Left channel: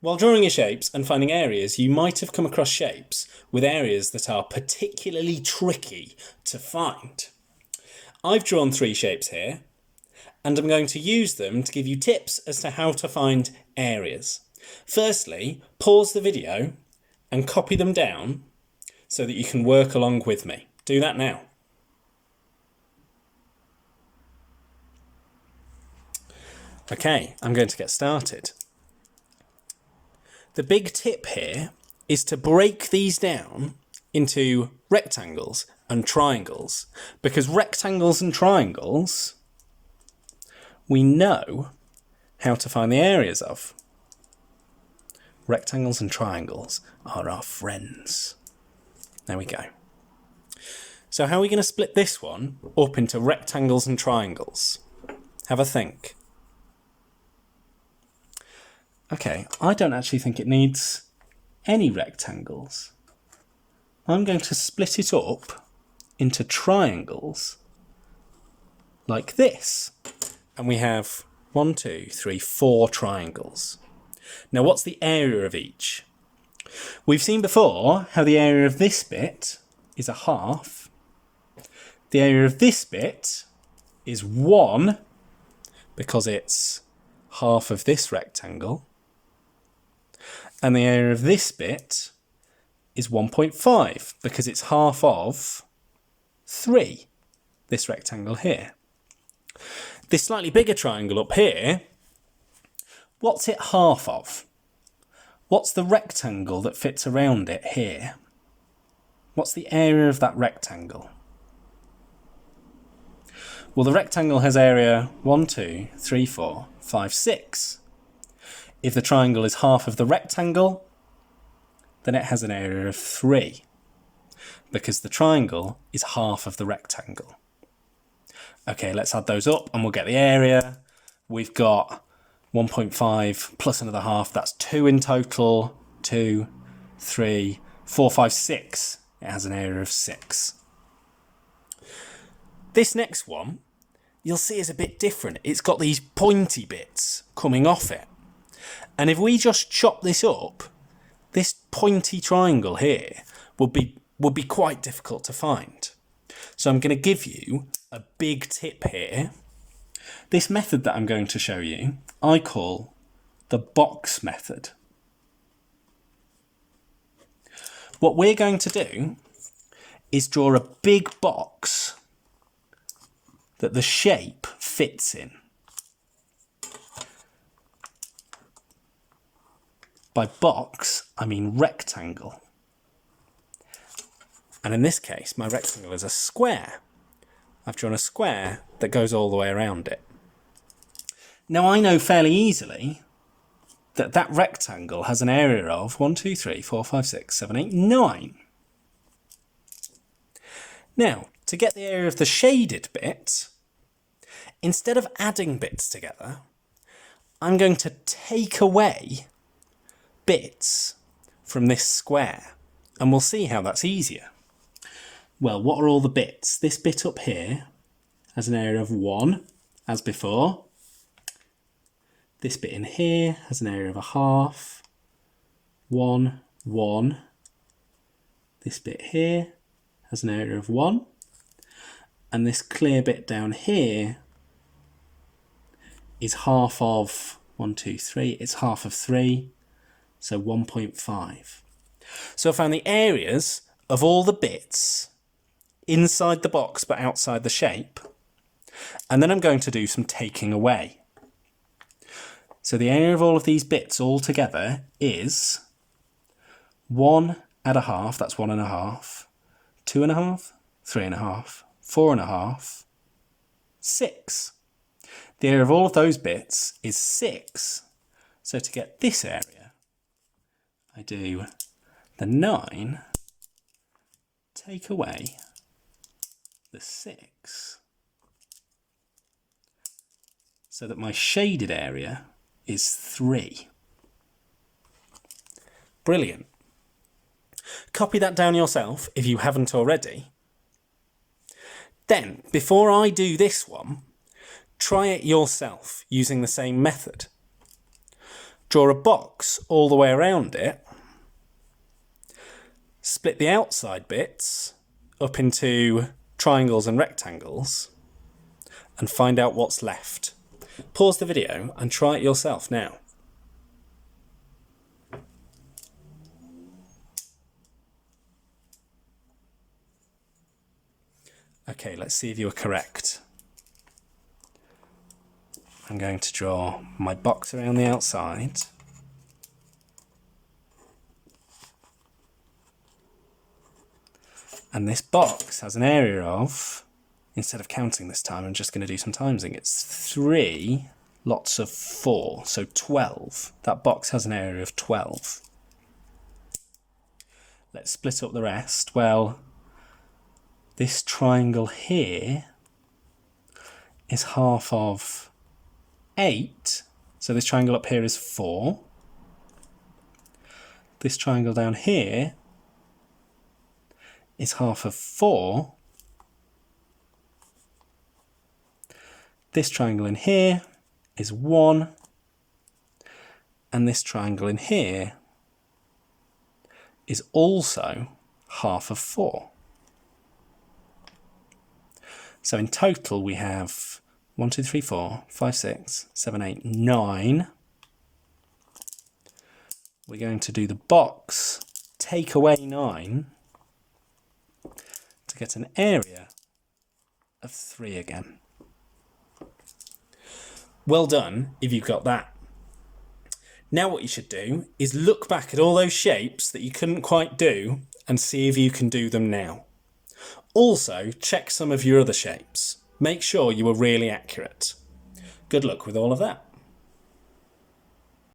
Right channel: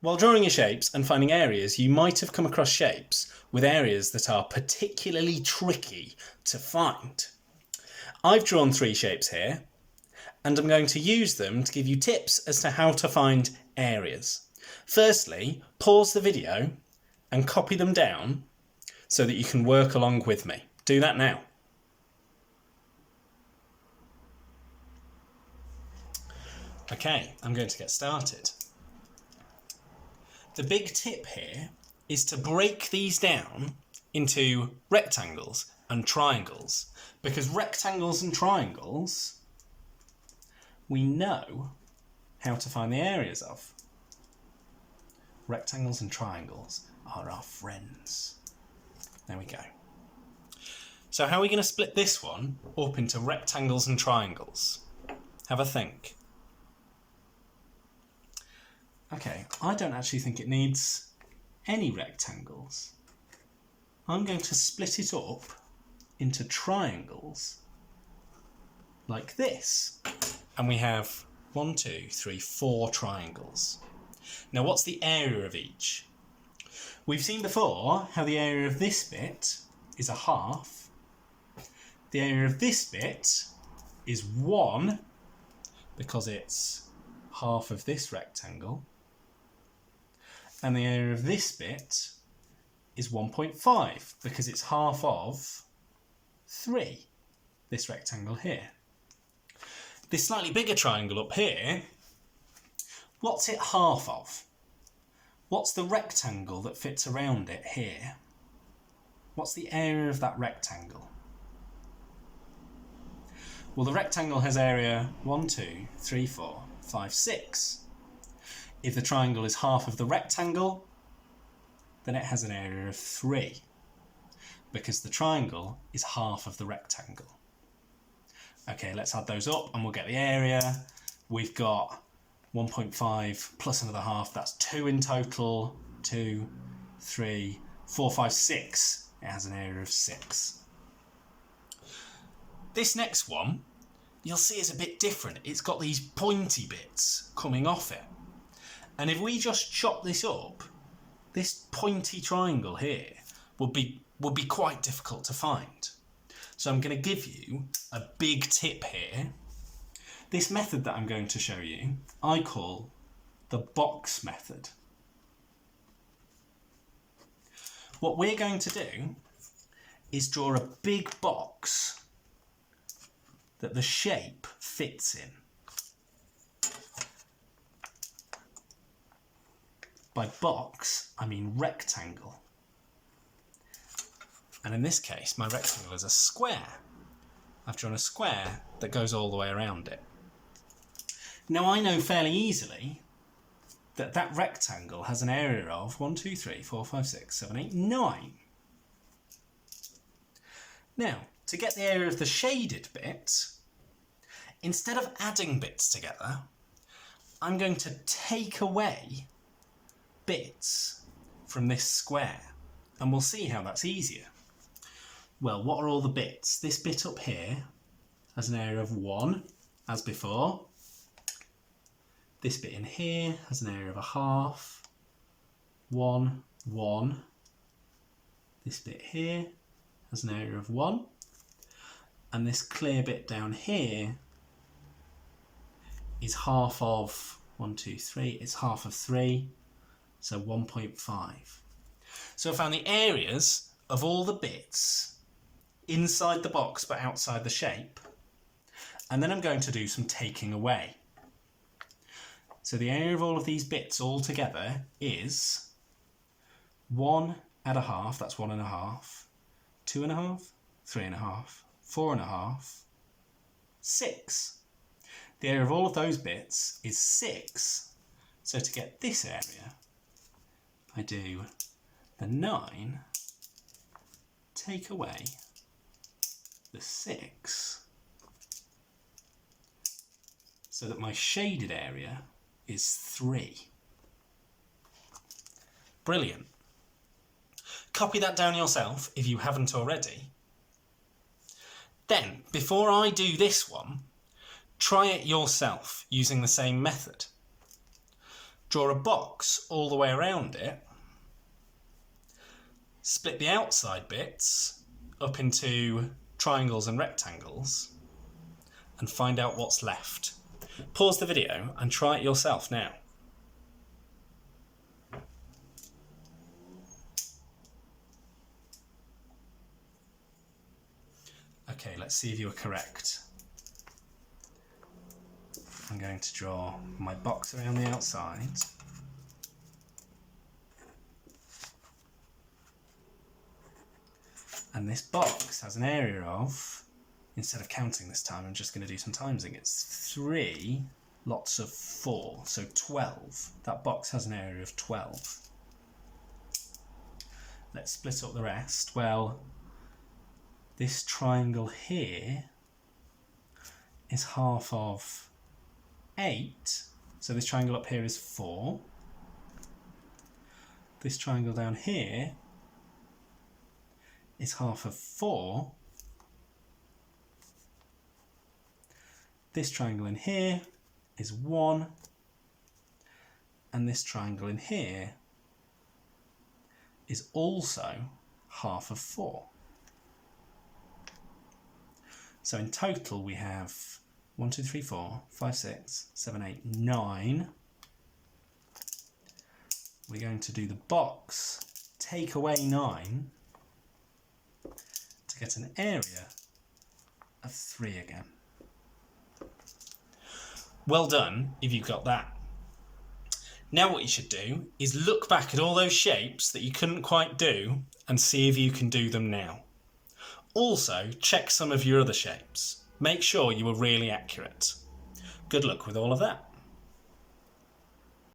While drawing your shapes and finding areas, you might have come across shapes with areas that are particularly tricky to find. I've drawn 3 shapes here, and I'm going to use them to give you tips as to how to find areas. Firstly, pause the video and copy them down so that you can work along with me. Do that now. Okay, I'm going to get started. The big tip here is to break these down into rectangles and triangles, because rectangles and triangles we know how to find the areas of. Rectangles and triangles are our friends. There we go. So how are we going to split this one up into rectangles and triangles? Have a think. Okay, I don't actually think it needs any rectangles. I'm going to split it up into triangles like this. And we have 1, 2, 3, 4 triangles. Now what's the area of each? We've seen before how the area of this bit is a half. The area of this bit is 1 because it's half of this rectangle. And the area of this bit is 1.5 because it's half of 3, this rectangle here. This slightly bigger triangle up here, what's it half of? What's the rectangle that fits around it here? What's the area of that rectangle? Well, the rectangle has area 1, 2, 3, 4, 5, 6. If the triangle is half of the rectangle, then it has an area of 3, because the triangle is half of the rectangle. Okay, let's add those up and we'll get the area. We've got 1.5 plus another half, that's 2 in total. 2, 3, 4, 5, 6. It has an area of 6. This next one, you'll see is a bit different. It's got these pointy bits coming off it. And if we just chop this up, this pointy triangle here would be quite difficult to find. So I'm going to give you a big tip here. This method that I'm going to show you, I call the box method. What we're going to do is draw a big box that the shape fits in. By box, I mean rectangle. And in this case, my rectangle is a square. I've drawn a square that goes all the way around it. Now I know fairly easily that that rectangle has an area of 1, 2, 3, 4, 5, 6, 7, 8, 9. Now, to get the area of the shaded bit, instead of adding bits together, I'm going to take away bits from this square, and we'll see how that's easier. Well, what are all the bits? This bit up here has an area of 1, as before. This bit in here has an area of a half. 1, 1. This bit here has an area of 1. And this clear bit down here is half of 1, 2, 3. It's half of 3. So 1.5. So I found the areas of all the bits inside the box but outside the shape. And then I'm going to do some taking away. So the area of all of these bits all together is 1 and a half, that's 1 and a half, 2 and a half, 3 and a half, 4 and a half, 6. The area of all of those bits is 6. So to get this area, I do the 9, take away the 6, so that my shaded area is 3. Brilliant. Copy that down yourself if you haven't already. Then, before I do this one, try it yourself using the same method. draw a box all the way around it, split the outside bits up into triangles and rectangles, and find out what's left. Pause the video and try it yourself now. Okay, let's see if you were correct. I'm going to draw my box around the outside. And this box has an area of, instead of counting this time, I'm just going to do some timesing. It's 3 lots of 4, so 12. That box has an area of 12. Let's split up the rest. Well, this triangle here is half of 8. So this triangle up here is 4. This triangle down here is half of 4. This triangle in here is 1. And this triangle in here is also half of 4. So in total we have 1, 2, 3, 4, 5, 6, 7, 8, 9. We're going to do the box, take away 9 to get an area of 3 again. Well done if you've got that. Now what you should do is look back at all those shapes that you couldn't quite do and see if you can do them now. Also, check some of your other shapes. Make sure you were really accurate. Good luck with all of that.